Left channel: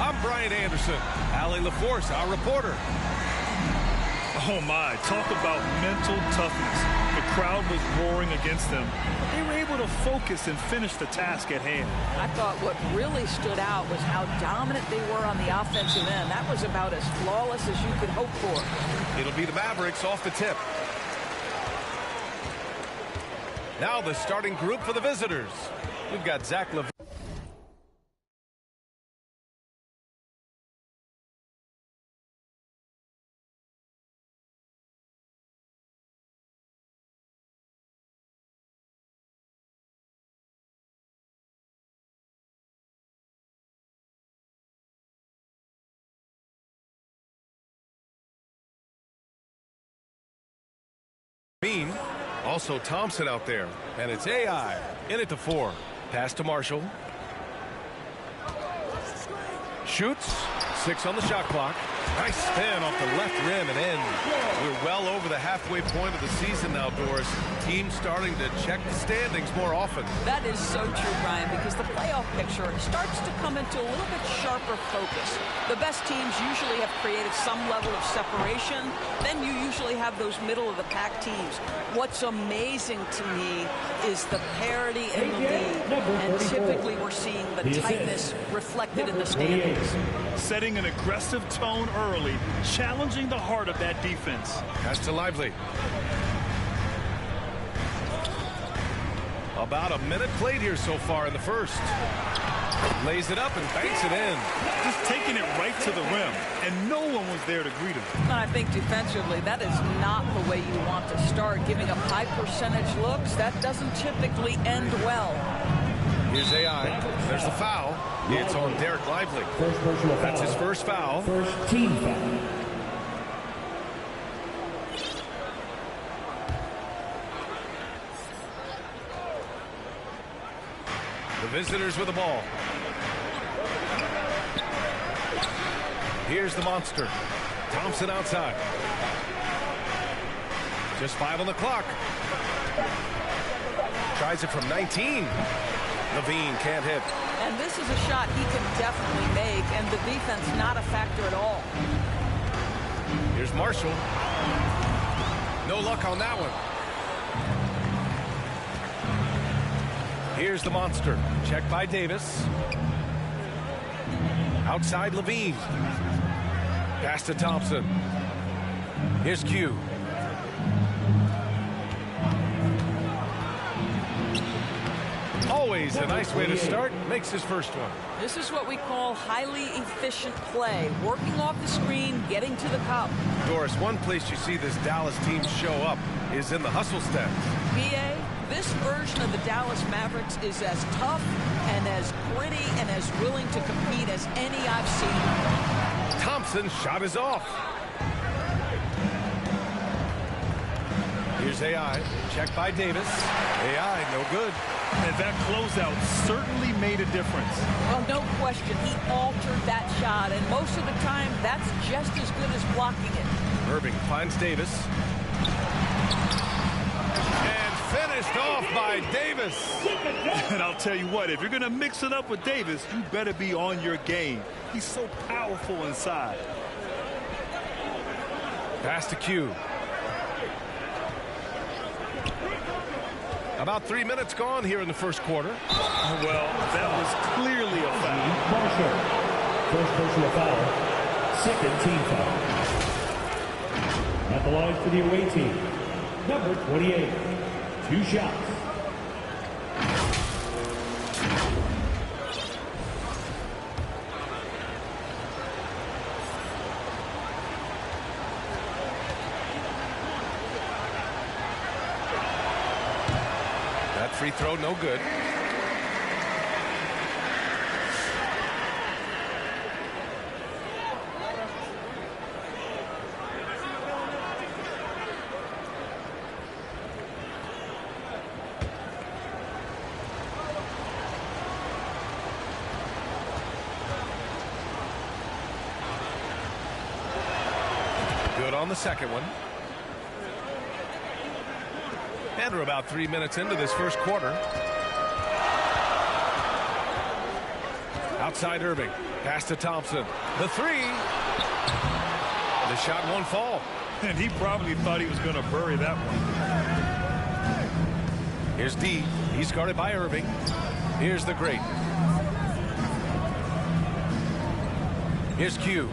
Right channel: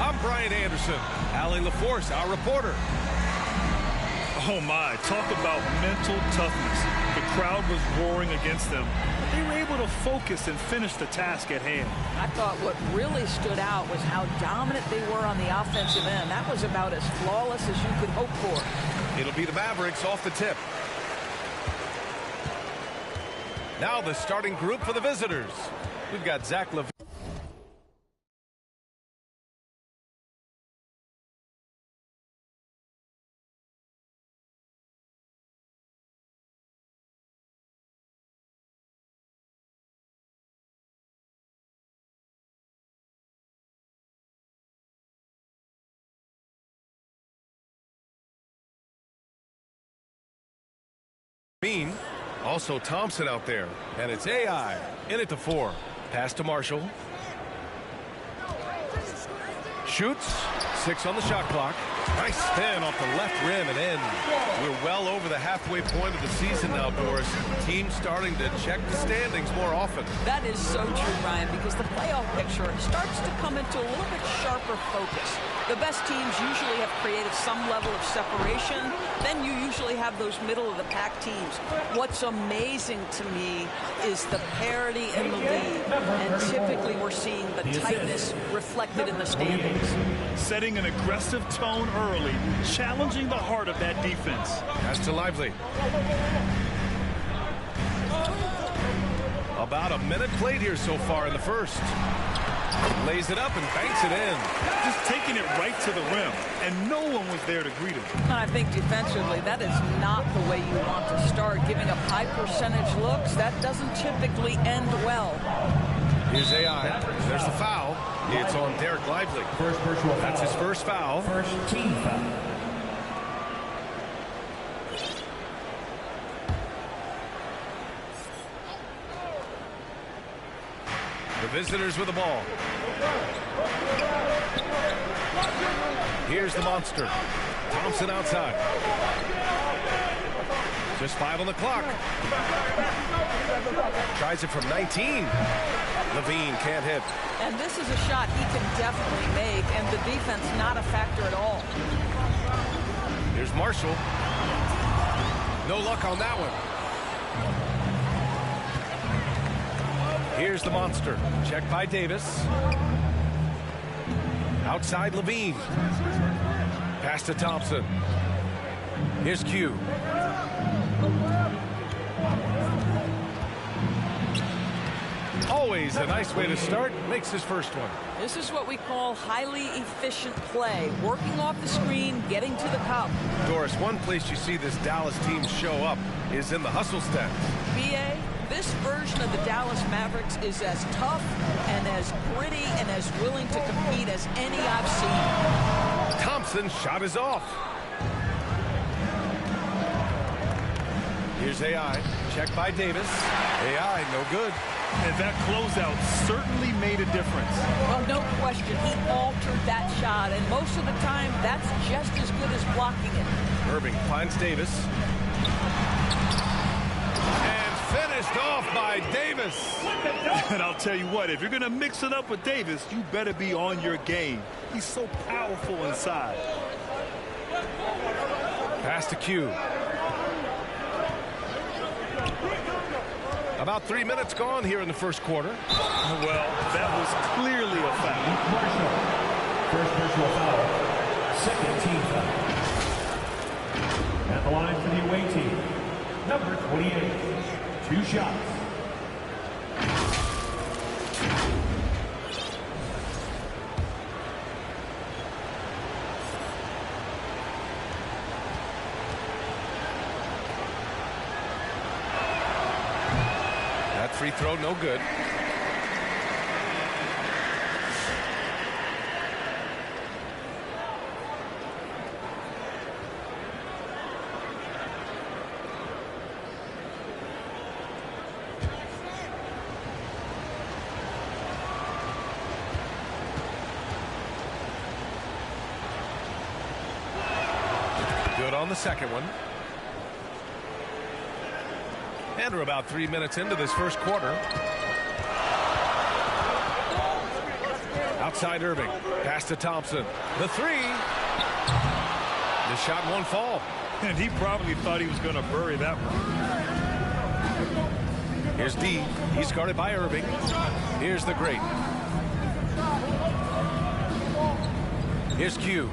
I'm Brian Anderson. Allie LaForce, our reporter. Oh my, talk about mental toughness. The crowd was roaring against them, but they were able to focus and finish the task at hand. I thought what really stood out was how dominant they were on the offensive end. That was about as flawless as you could hope for. It'll be the Mavericks off the tip. Now the starting group for the visitors. We've got Zach LaVine. Also Thompson out there, and it's AI in at the 4. Pass to Marshall. Shoots. 6 on the shot clock. Nice spin off the left rim and in. We're well over the halfway point of the season now, Doris. Teams starting to check the standings more often. That is so true, Brian, because the playoff picture starts to come into a little bit sharper focus. The best teams usually have created some level of separation. Then you usually have those middle-of-the-pack teams. What's amazing to me is the parity in the league. And typically we're seeing the tightness reflected in the standings. Setting an aggressive tone early, challenging the heart of that defense. Pass to Lively. About a minute played here so far in the first. Lays it up and banks it in. Just taking it right to the rim, and no one was there to greet him. I think defensively, that is not the way you want to start. Giving up high percentage looks, that doesn't typically end well. Here's AI. There's the foul. It's on Derek Lively. First personal foul. That's his first foul. First team foul. The visitors with the ball. Here's the monster. Thompson outside. Just 5 on the clock. Tries it from 19. LaVine can't hit. And this is a shot he can definitely make, and the defense not a factor at all. Here's Marshall. No luck on that one. Here's the monster. Check by Davis. Outside LaVine. Pass to Thompson. Here's Q. Always a nice way to start. Makes his first one. This is what we call highly efficient play. Working off the screen, getting to the cup. Doris, one place you see this Dallas team show up is in the hustle stats. BA, this version of the Dallas Mavericks is as tough and as gritty and as willing to compete as any I've seen. Thompson's shot is off. Here's AI. Check by Davis. AI, no good. And that closeout certainly made a difference. Well, no question. He altered that shot, and most of the time, that's just as good as blocking it. Irving finds Davis. And finished off by Davis. And I'll tell you what, if you're going to mix it up with Davis, you better be on your game. He's so powerful inside. Pass to Q. About 3 minutes gone here in the first quarter. Well, that was clearly a foul. Marshall. First personal foul. Second team foul. At the line for the away team, number 28. 2 shots. That free throw, no good. Good on the second one. And we're about 3 minutes into this first quarter. Outside Irving. Pass to Thompson. The three. The shot won't fall. And he probably thought he was going to bury that one. Here's D. He's guarded by Irving. Here's the great. Here's Q.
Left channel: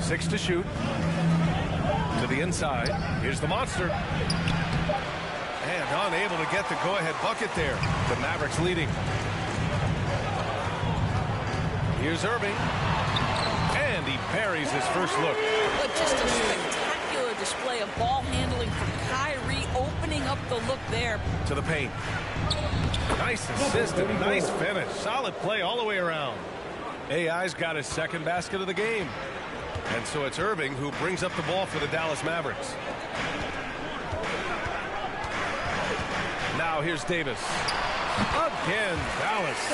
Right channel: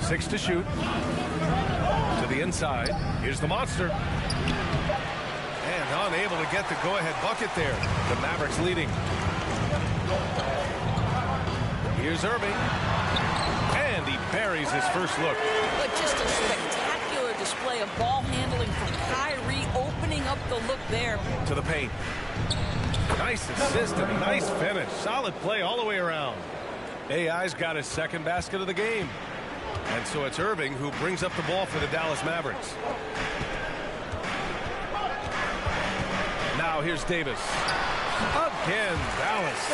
Six to shoot. To the inside. Here's the monster. And unable to get the go-ahead bucket there. The Mavericks leading. Here's Irving. And he buries his first look. But just a spectacular display of ball handling from Kyrie, opening up the look there. To the paint. Nice assist and a nice finish. Solid play all the way around. AI's got his second basket of the game. And so it's Irving who brings up the ball for the Dallas Mavericks. Now here's Davis. Again, Dallas.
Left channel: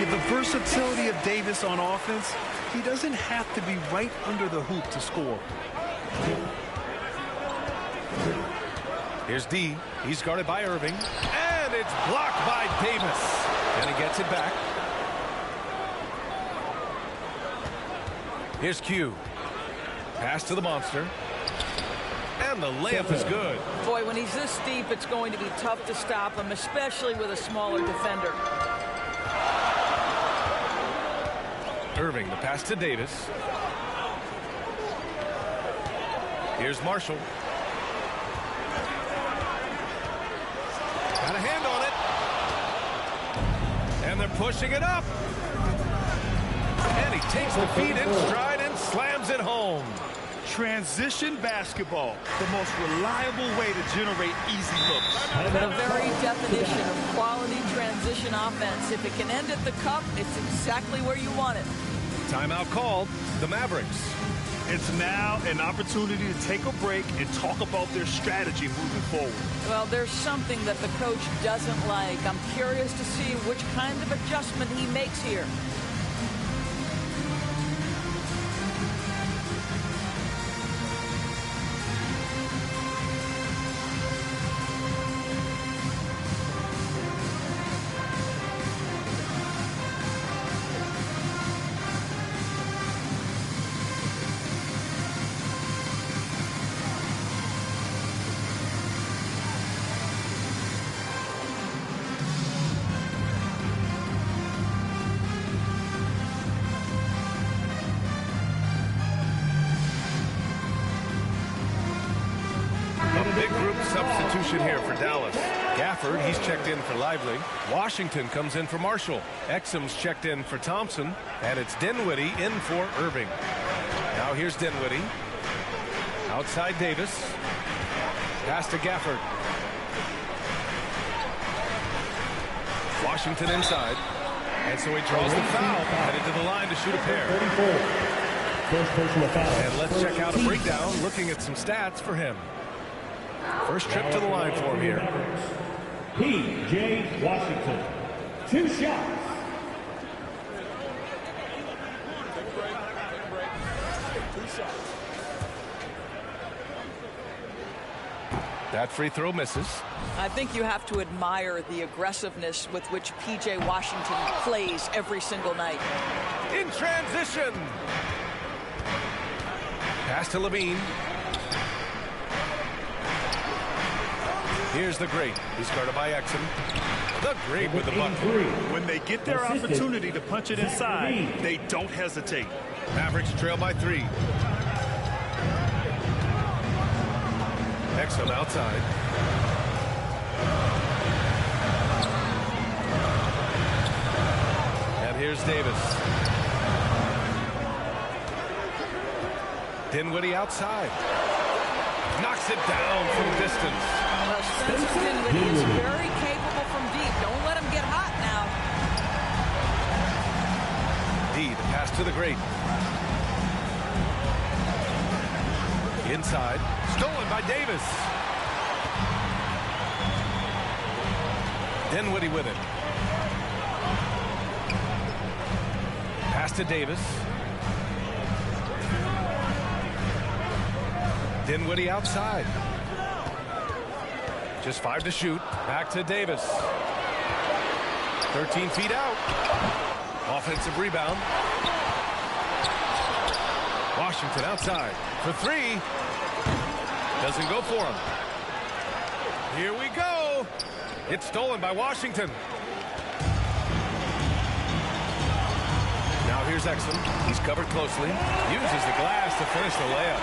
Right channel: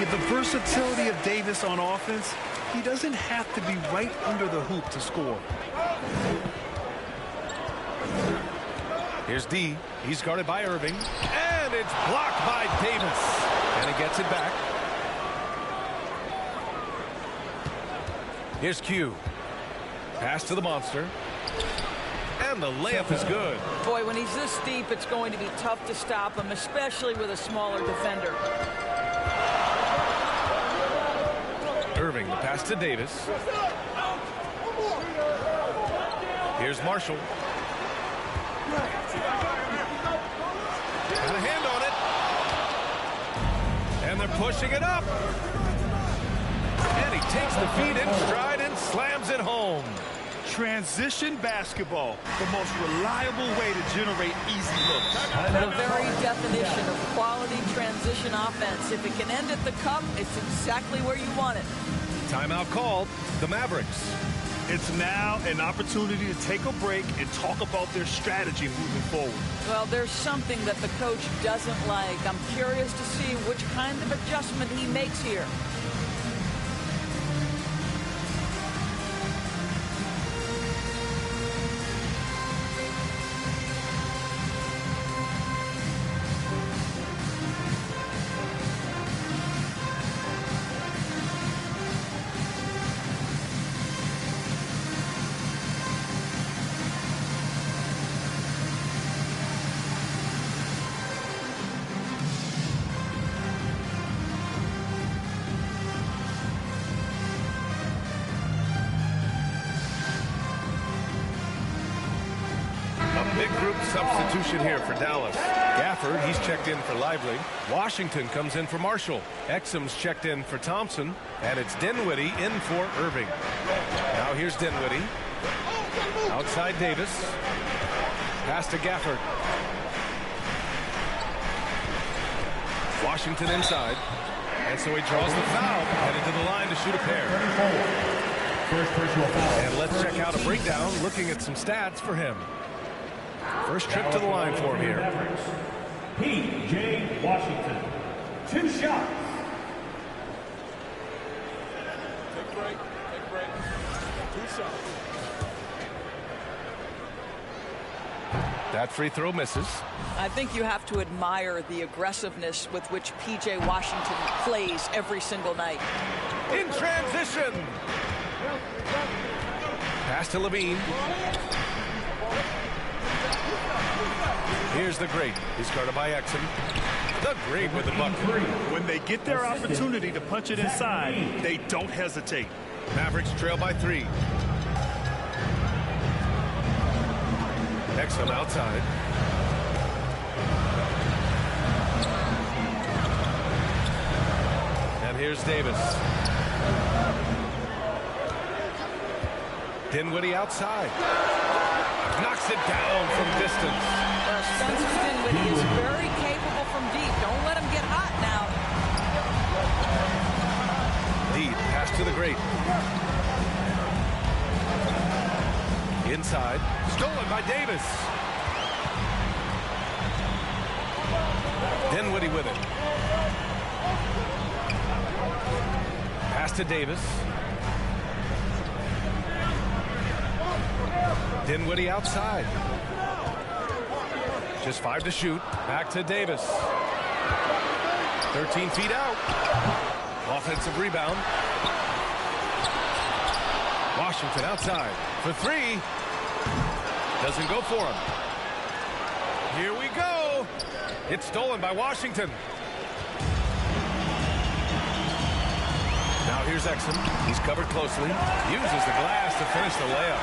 Yeah, the versatility of Davis on offense, he doesn't have to be right under the hoop to score. Here's D. He's guarded by Irving. And it's blocked by Davis. And he gets it back. Here's Q. Pass to the monster. And the layup is good. Boy, when he's this deep, it's going to be tough to stop him, especially with a smaller defender. Irving, the pass to Davis. Here's Marshall. Got a hand on it. And they're pushing it up. And he takes the feed in stride and slams it home. Transition basketball, the most reliable way to generate easy looks. The very definition of quality transition offense. If it can end at the cup, it's exactly where you want it. Timeout called. The Mavericks. It's now an opportunity to take a break and talk about their strategy moving forward. Well, there's something that the coach doesn't like. I'm curious to see which kind of adjustment he makes here. Big group substitution here for Dallas. Gafford, he's checked in for Lively. Washington comes in for Marshall. Exum's checked in for Thompson. And it's Dinwiddie in for Irving. Now here's Dinwiddie. Outside Davis. Pass to Gafford. Washington inside. And so he draws the foul. Headed to the line to shoot a pair. First personal foul. And let's check out a breakdown looking at some stats for him. First trip to the line for him here. P.J. Washington. 2 shots. Take a break. Take a break. 2 shots. That free throw misses. I think you have to admire the aggressiveness with which P.J. Washington plays every single night. In transition. Pass to Levine. Here's the great. He's guarded by Exum. The great with the bucket. When they get their opportunity to punch it inside, they don't hesitate. Mavericks trail by 3. Exum outside. And here's Davis. Dinwiddie outside. Knocks it down from distance. Well, Spencer Dinwiddie is very capable from deep. Don't let him get hot now. D, the pass to the great. Inside. Stolen by Davis. Dinwiddie with it. Pass to Davis. Dinwiddie outside. Just 5 to shoot. Back to Davis. 13 feet out. Offensive rebound. Washington outside for three. Doesn't go for him. Here we go. It's stolen by Washington. Now here's Exum. He's covered closely. Uses the glass to finish the layup.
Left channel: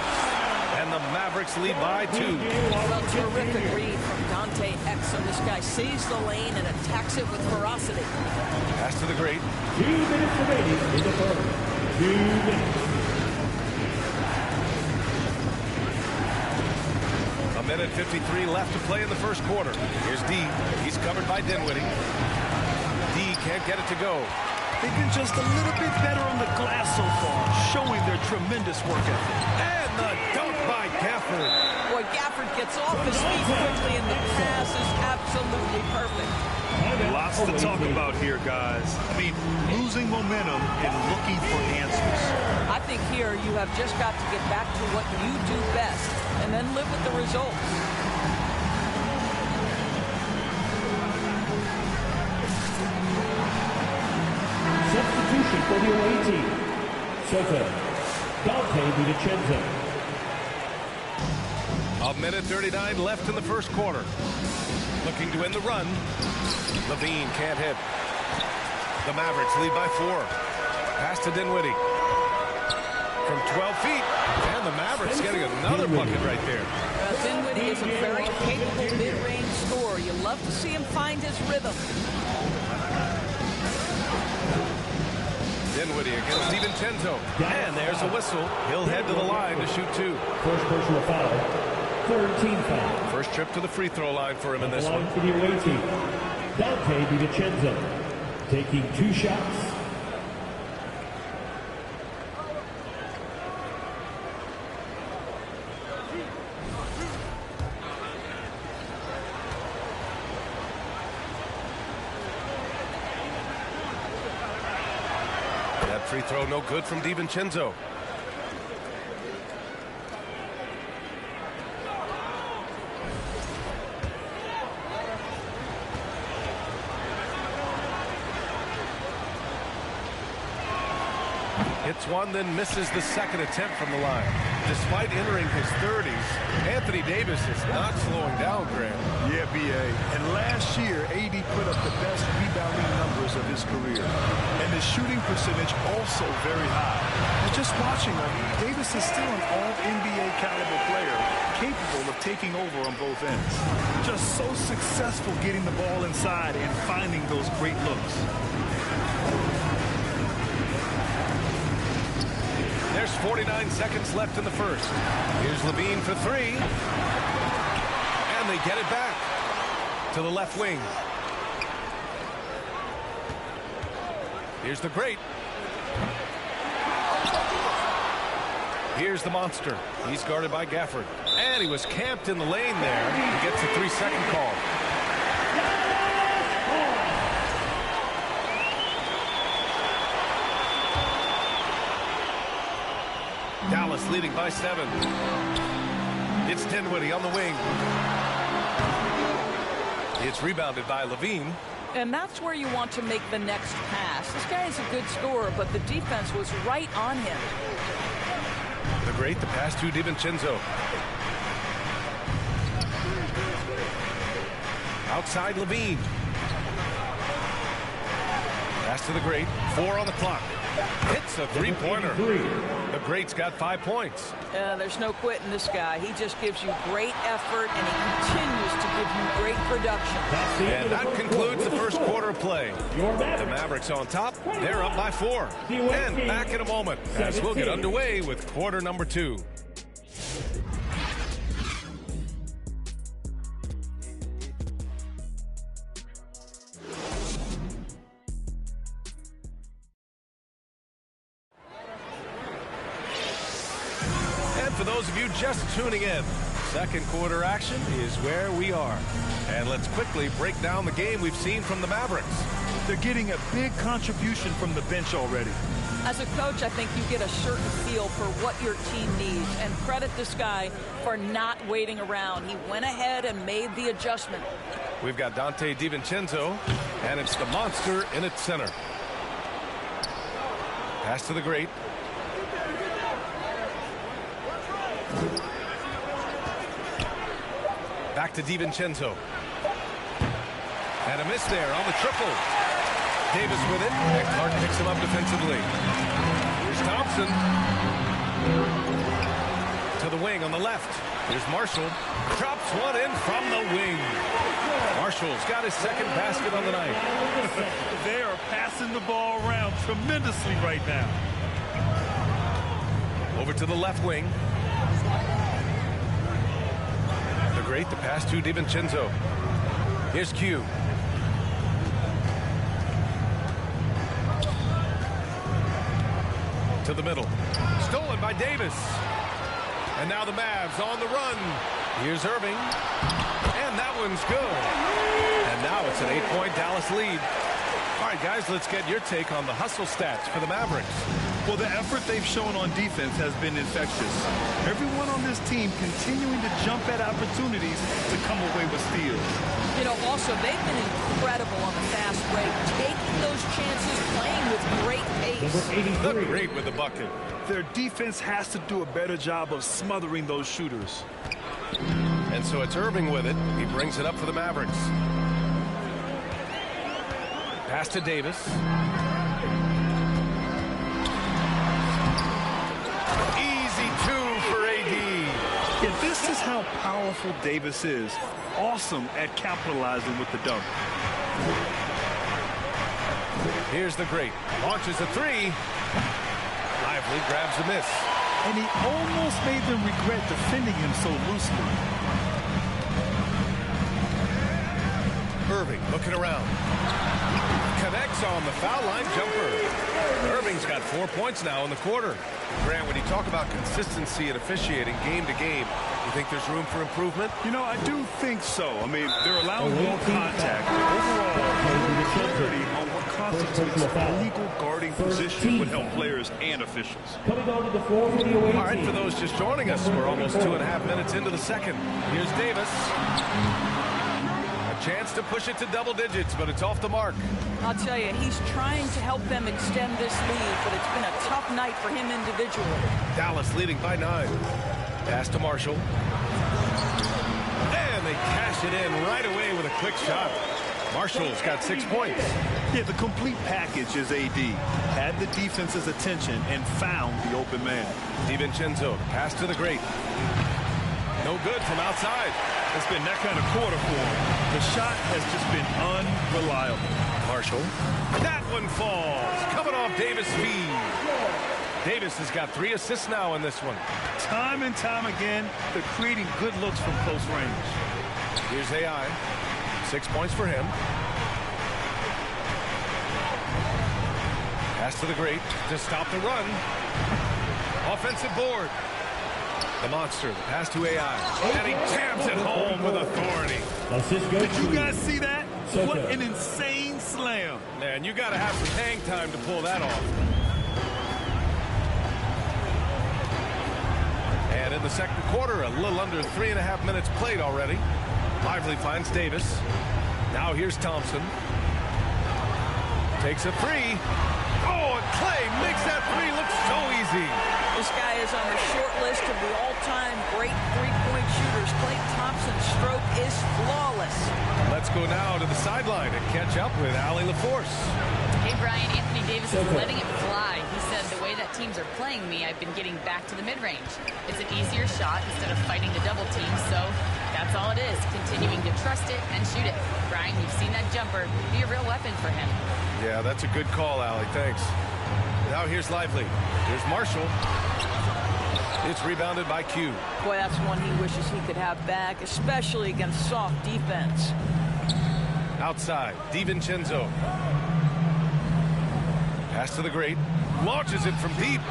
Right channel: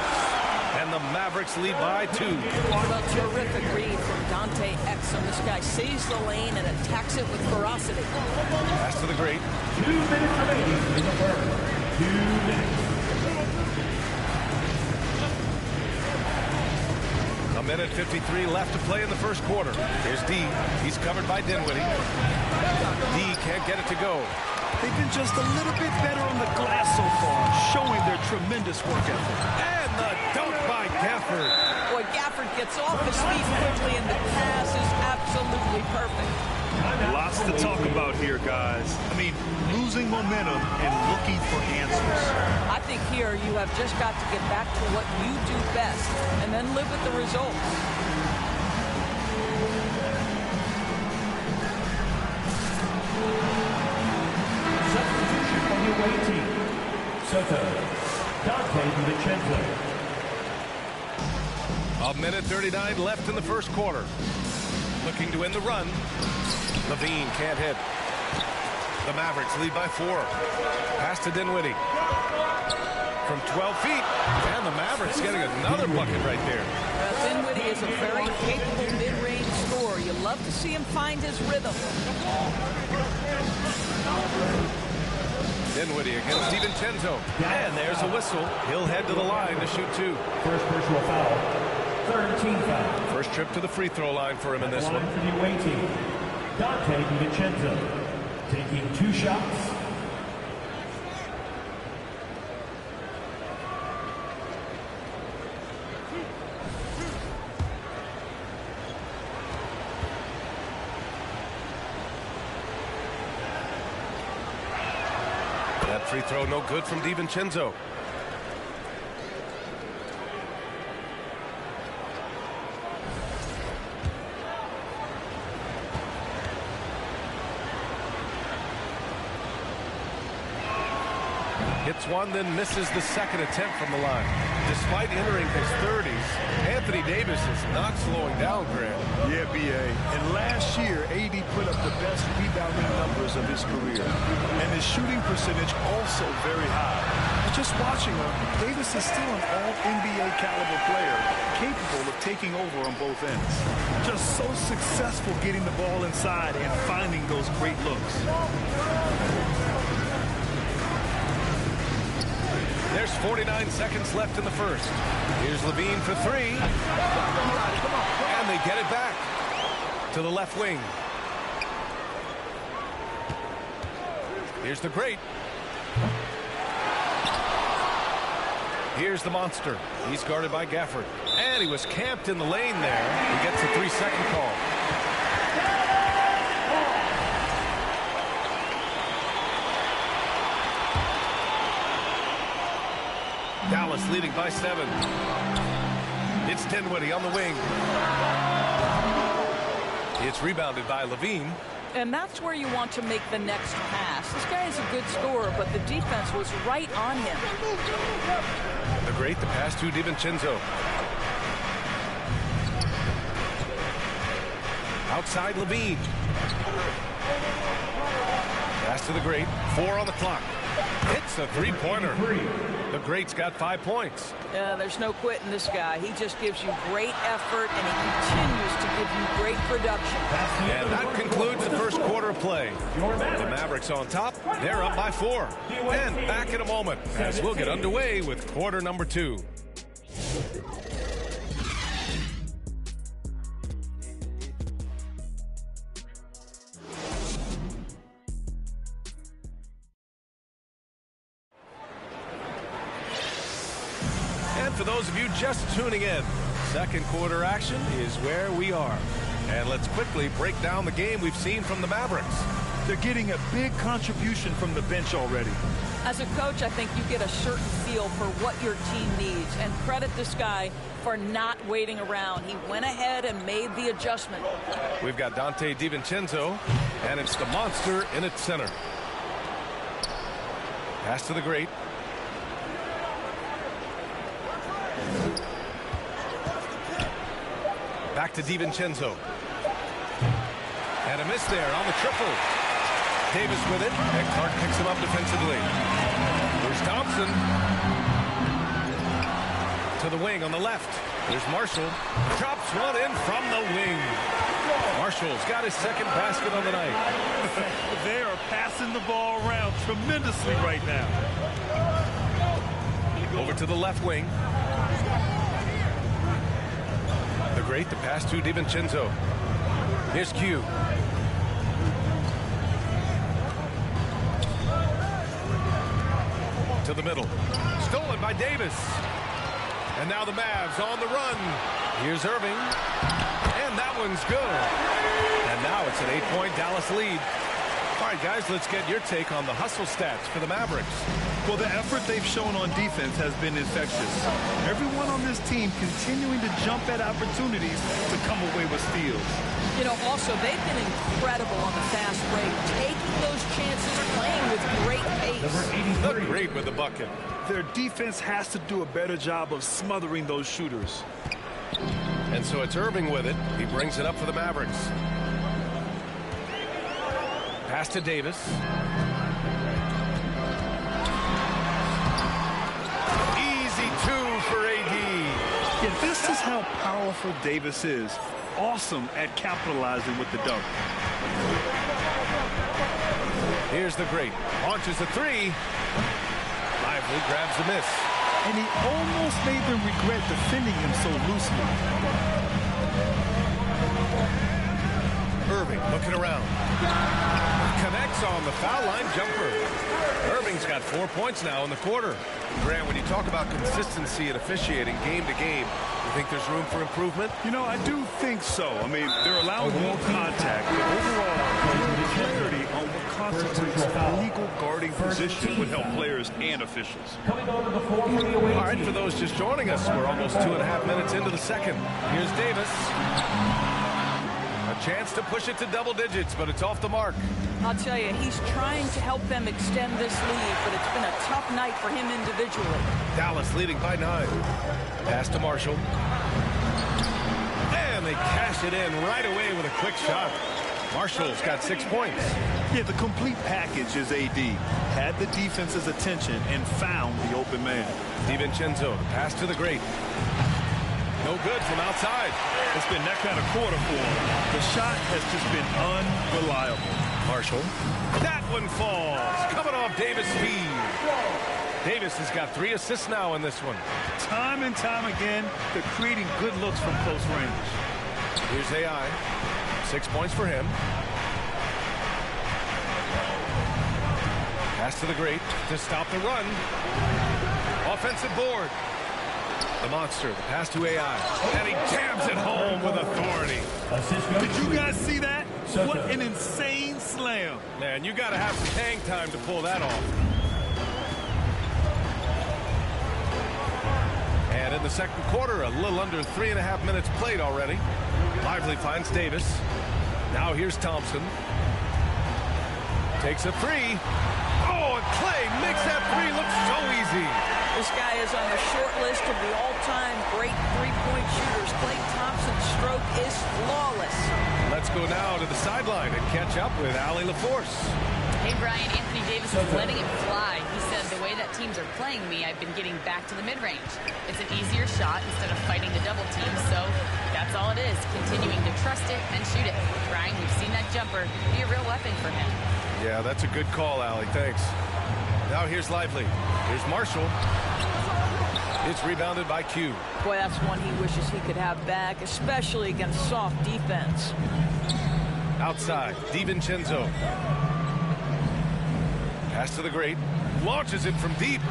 And the Mavericks lead by 2. Well, terrific read from Dante Exum. This guy sees the lane and attacks it with ferocity. Pass to the great. 2 minutes remaining in the first. 2 minutes. A minute 53 left to play in the first quarter. Here's D. He's covered by Dinwiddie. D can't get it to go. They've been just a little bit better on the glass so far, showing their tremendous work ethic. And the dunk by Gafford. Boy, Gafford gets off his feet quickly, and the pass is absolutely perfect. Lots to talk about here, guys. I mean, losing momentum and looking for answers. I think here you have just got to get back to what you do best and then live with the results. Substitution for the away team. Soto, Dante DiVincenzo. A minute 39 left in the first quarter. Looking to end the run. Levine can't hit. The Mavericks lead by 4. Pass to Dinwiddie. From 12 feet. And the Mavericks getting another bucket right there. Dinwiddie is a very capable mid-range scorer. You love to see him find his rhythm. Dinwiddie against DiVincenzo. And there's a whistle. He'll head to the line to shoot 2. First personal foul. Third team foul. First trip to the free throw line for him in this one. For the away team. Dante DiVincenzo taking 2 shots. That free throw no good from DiVincenzo. Hits one, then misses the second attempt from the line. Despite entering his 30s, Anthony Davis is not slowing down, Grant. Yeah, B.A. And last year, A.D. put up the best rebounding numbers of his career. And his shooting percentage also very high. And just watching him, Davis is still an all-NBA caliber player, capable of taking over on both ends. Just so successful getting the ball inside and finding those great looks. There's 49 seconds left in the first. Here's Levine for 3. And they get it back to the left wing. Here's the great. Here's the monster. He's guarded by Gafford. And he was camped in the lane there. He gets a 3-second call. Dallas leading by 7. It's Dinwiddie on the wing. It's rebounded by Levine. And that's where you want to make the next pass. This guy is a good scorer, but the defense was right on him. The great, the pass to DiVincenzo. Outside Levine. Pass to the great. 4 on the clock. Hits a 3-pointer. The great's got 5 points. There's no quitting this guy. He just gives you great effort, and he continues to give you great production. And that concludes the first quarter of play. The Mavericks on top. They're up by 4. And back in a moment as we'll get underway with quarter number 2. And for those of you just tuning in, second quarter action is where we are. And let's quickly break down the game we've seen from the Mavericks. They're getting a big contribution from the bench already. As a coach, I think you get a certain feel for what your team needs, and credit this guy for not waiting around. He went ahead and made the adjustment. We've got Dante DiVincenzo, and it's the monster in its center. Pass to the great. Back to DiVincenzo. And a miss there on the triple. Davis with it, and Clark picks him up defensively. Here's Thompson. To the wing on the left. Here's Marshall. Drops one in from the wing. Marshall's got his second basket on the night. They are passing the ball around tremendously right now. Over to the left wing. The great, the pass to DiVincenzo. Here's Q. To the middle. Stolen by Davis. And now the Mavs on the run. Here's Irving. And that one's good. And now it's an 8-point Dallas lead. All right, guys, let's get your take on the hustle stats for the Mavericks. Well, the effort they've shown on defense has been infectious. Everyone on this team continuing to jump at opportunities to come away with steals. You know, also, they've been incredible on the fast break, taking those chances, playing with great pace. The great with the bucket. Their defense has to do a better job of smothering those shooters. And so it's Irving with it. He brings it up for the Mavericks. Pass to Davis. Easy two for AD. Yeah, this is how powerful Davis is. Awesome at capitalizing with the dunk. Here's the great. Launches a three. Lively grabs the miss. And he almost made them regret defending him so loosely. Irving looking around. Connects on the foul line jumper. Irving's got 4 points now in the quarter. Grant, when you talk about consistency and officiating game to game, you think there's room for improvement? You know, I do think so. I mean, they're allowing more contact, but overall, clarity on what constitutes a legal guarding position would help players and officials. All right, for those just joining us, we're almost 2.5 minutes into the second. Here's Davis. A chance to push it to double digits, but it's off the mark. I'll tell you, he's trying to help them extend this lead, but it's been a tough night for him individually. Dallas leading by 9. Pass to Marshall. And they cash it in right away with a quick shot. Marshall's got 6 points. Yeah, the complete package is AD. Had the defense's attention and found the open man. DiVincenzo, the pass to the great. No good from outside. It's been that kind of quarter for him. The shot has just been unreliable. Marshall. That one falls. Coming off Davis' feed. Davis has got 3 assists now in this one. Time and time again, they're creating good looks from close range. Here's AI. 6 points for him. Pass to the great to stop the run. Offensive board. The monster, the pass to AI. And he jams it home with authority. Did you guys see that? What an insane slam. Man, you got to have some hang time to pull that off. And in the second quarter, a little under 3.5 minutes played already. Lively finds Davis. Now here's Thompson. Takes a three. Oh, and Clay makes that three look so easy. This guy is on the short list of the all-time great three-point shooters. Klay Thompson's stroke is flawless. Let's go now to the sideline and catch up with Allie LaForce. Hey, Brian, Anthony Davis is letting it fly. He said, the way that teams are playing me, I've been getting back to the mid-range. It's an easier shot instead of fighting the double team, so that's all it is, continuing to trust it and shoot it. Brian, we've seen that jumper be a real weapon for him. Yeah, that's a good call, Allie. Thanks. Now here's Lively. Here's Marshall. It's rebounded by Q. Boy, that's one he wishes he could have back, especially against soft defense. Outside, DiVincenzo. Pass to the great. Launches it from deep.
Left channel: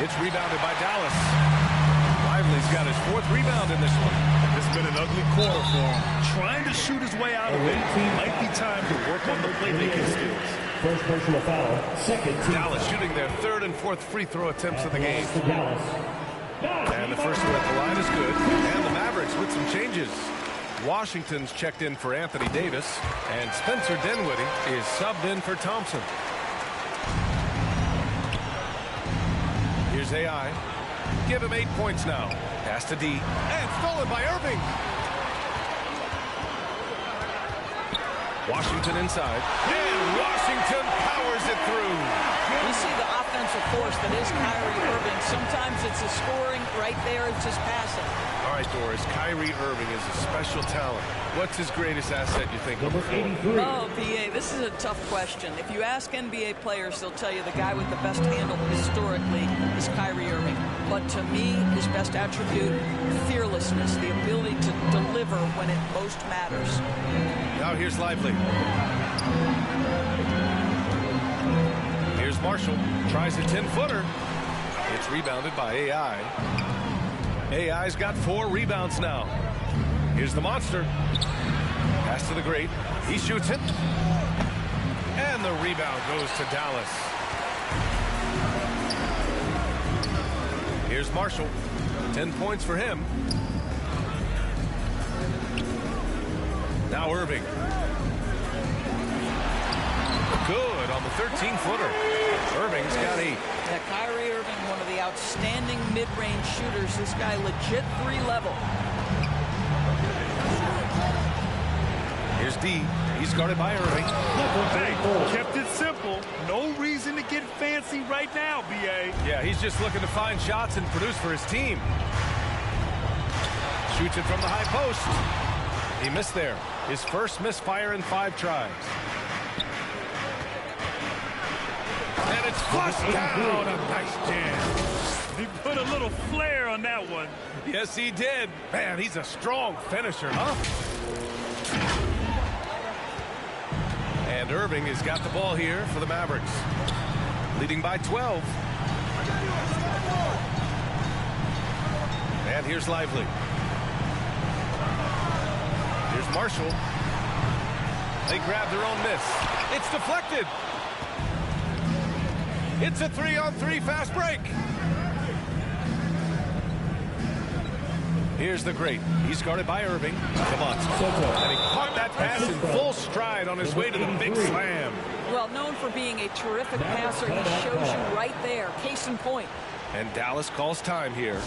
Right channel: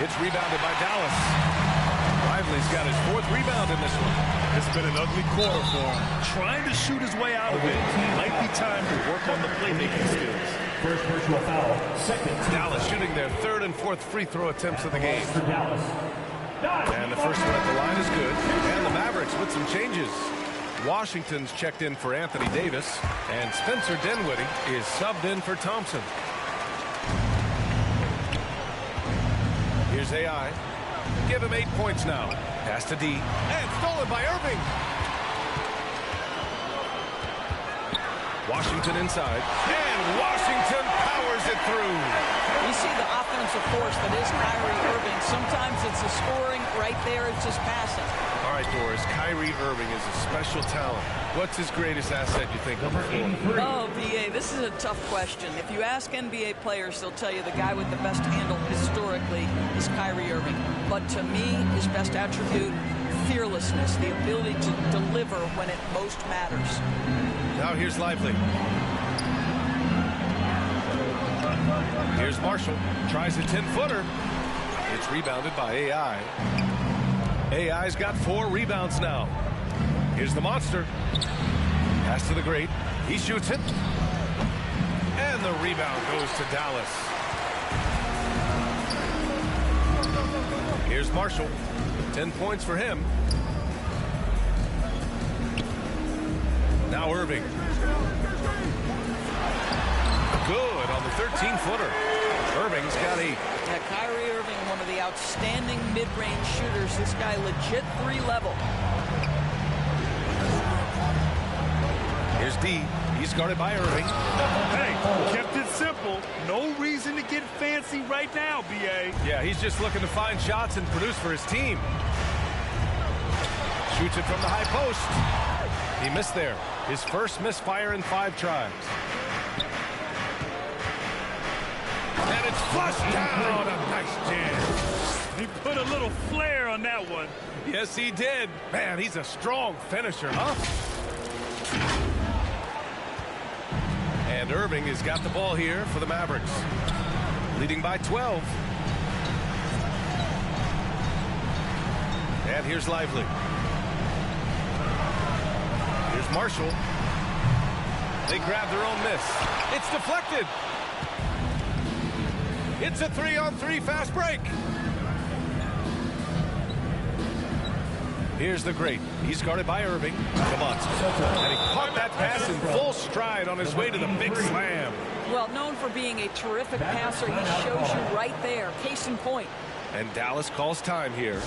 It's rebounded by Dallas. Lively's got his 4th rebound in this one. It's been an ugly quarter for him. Trying to shoot his way out of it. Might be time to work on the playmaking skills. First personal foul, second team. Dallas shooting their third and fourth free throw attempts of the game. For Dallas. And the first one at the line is good. And the Mavericks with some changes. Washington's checked in for Anthony Davis. And Spencer Dinwiddie is subbed in for Thompson. Here's AI. Give him 8 points now. Pass to D. And stolen by Irving. Washington inside. And Washington powers it through. You see the offensive force that is Kyrie Irving. Sometimes it's the scoring. Right there, it's just passing. All right, Doris. Kyrie Irving is a special talent. What's his greatest asset, you think, on the floor? Oh, PA, this is a tough question. If you ask NBA players, they'll tell you the guy with the best handle historically is Kyrie Irving. But to me, his best attribute, fearlessness, the ability to deliver when it most matters. Now here's Lively. Here's Marshall. Tries a 10-footer. It's rebounded by AI. AI's got 4 rebounds now. Here's the monster. Pass to the great. He shoots it. And the rebound goes to Dallas. Here's Marshall. 10 points for him. Now Irving. Good on the 13-footer. Irving's got 8. Yeah, Kyrie Irving, one of the outstanding mid-range shooters. This guy legit 3-level. Here's D. He's guarded by Irving. Hey, kept it simple. No reason to get fancy right now, BA. Yeah, he's just looking to find shots and produce for his team. Shoots it from the high post. He missed there. His first misfire in 5 tries. And it's flushed down. A nice jam. He put a little flair on that one. Yes, he did. Man, he's a strong finisher, huh? And Irving has got the ball here for the Mavericks. Leading by 12. And here's Lively. Here's Marshall. They grab their own miss. It's deflected. It's a 3-on-3 fast break. Here's the great. He's guarded by Irving. The monster. And he caught that pass in full stride on his way to the big slam. Well, known for being a terrific passer, he shows you right there. Case in point. And Dallas calls time here.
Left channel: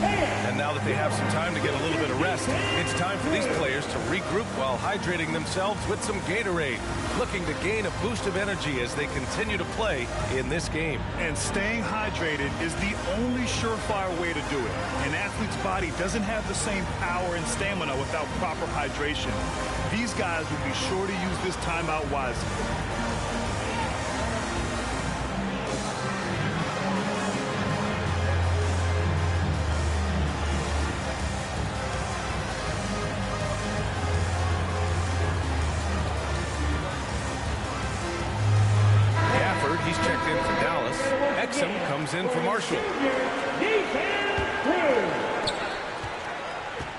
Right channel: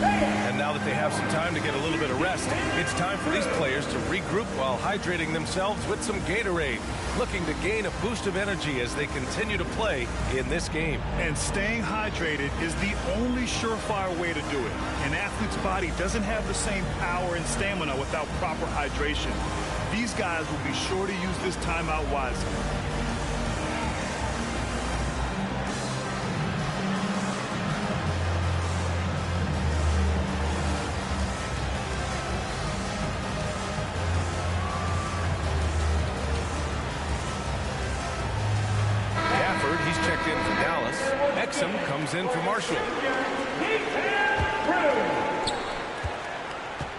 And now that they have some time to get a little bit of rest, it's time for these players to regroup while hydrating themselves with some Gatorade, looking to gain a boost of energy as they continue to play in this game. And staying hydrated is the only surefire way to do it. An athlete's body doesn't have the same power and stamina without proper hydration. These guys will be sure to use this timeout wisely. He's checked in for Dallas. Exum comes in for Marshall.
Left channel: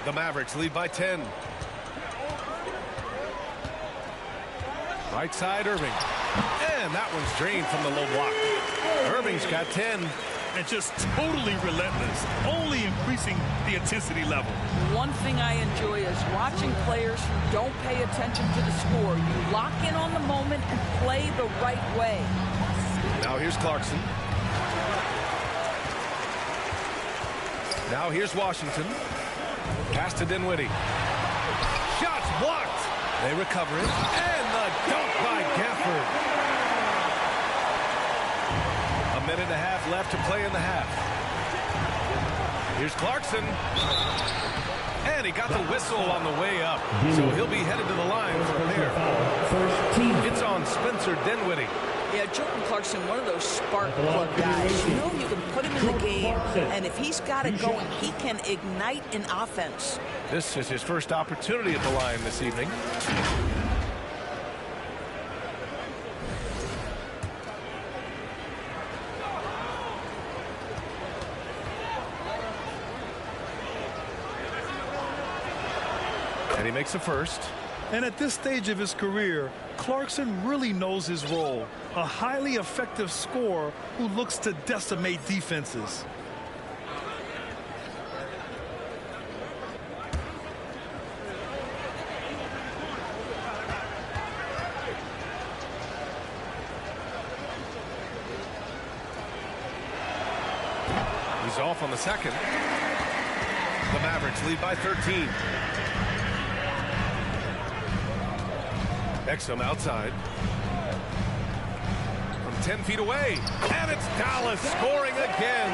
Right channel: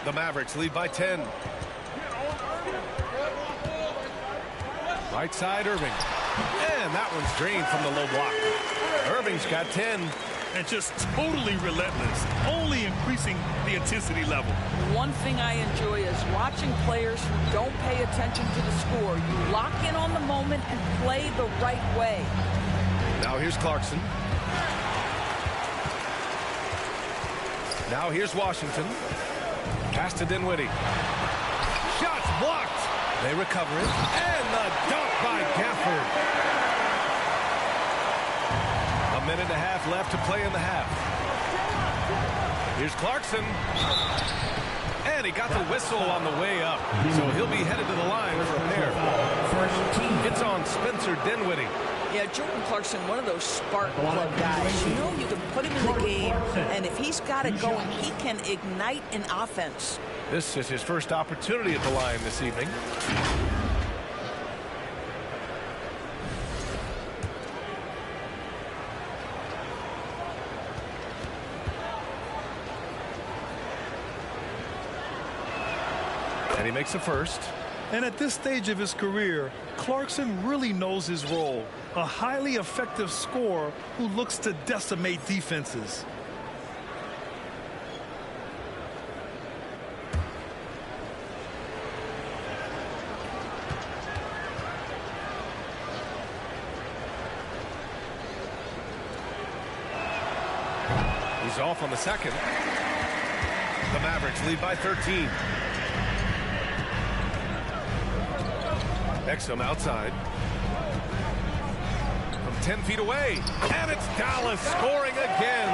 The Mavericks lead by 10. Right side, Irving. And that one's drained from the low block. Irving's got 10. And just totally relentless, only increasing the intensity level. One thing I enjoy is watching players who don't pay attention to the score. You lock in on the moment and play the right way. Now here's Clarkson. Now here's Washington. Pass to Dinwiddie. Shots blocked. They recover it. And the dunk by Gafford. A minute and a half left to play in the half. Here's Clarkson. And he got the whistle on the way up. So he'll be headed to the line for a pair. It's on Spencer Dinwiddie. Yeah, Jordan Clarkson, one of those spark plug guys. You know you can put him in the game, and if he's got it going, he can ignite an offense. This is his first opportunity at the line this evening. And he makes a first. And at this stage of his career, Clarkson really knows his role. A highly effective scorer who looks to decimate defenses. He's off on the second. The Mavericks lead by 13. Exum outside. From 10 feet away. And it's Dallas scoring again.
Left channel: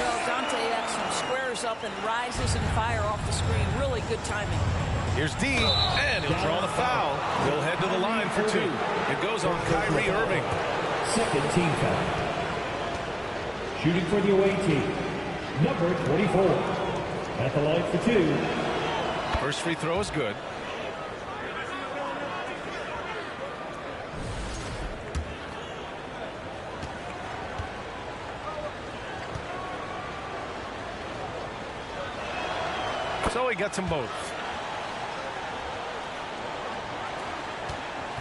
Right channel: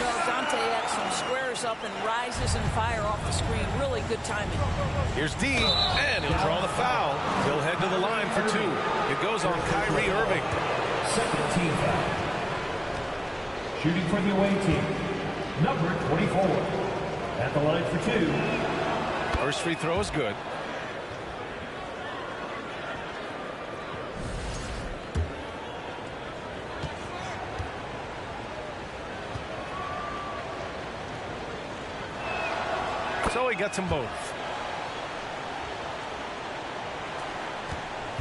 Well, Dante Exum squares up and rises and fire off the screen. Really good timing. Here's D, and he'll draw the foul. He'll head to the line for two. It goes on Kyrie Irving. Second team foul. Shooting for the away team, number 24. At the line for two. First free throw is good. So he gets them both.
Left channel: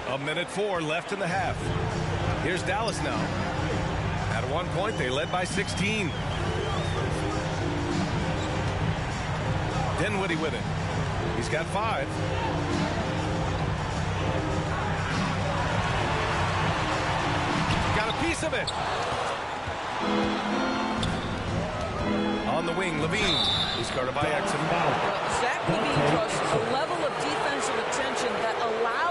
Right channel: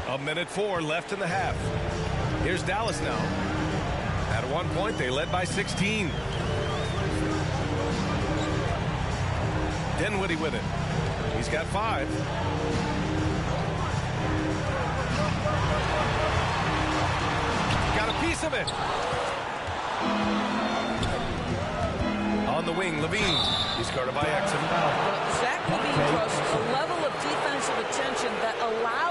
A minute 4 left in the half. Here's Dallas now. At one point, they led by 16. Dinwiddie with it. He's got 5. Got a piece of it. On the wing, Levine. He's guarded by Exum. Well, Zach Levine draws a level of defensive attention that allows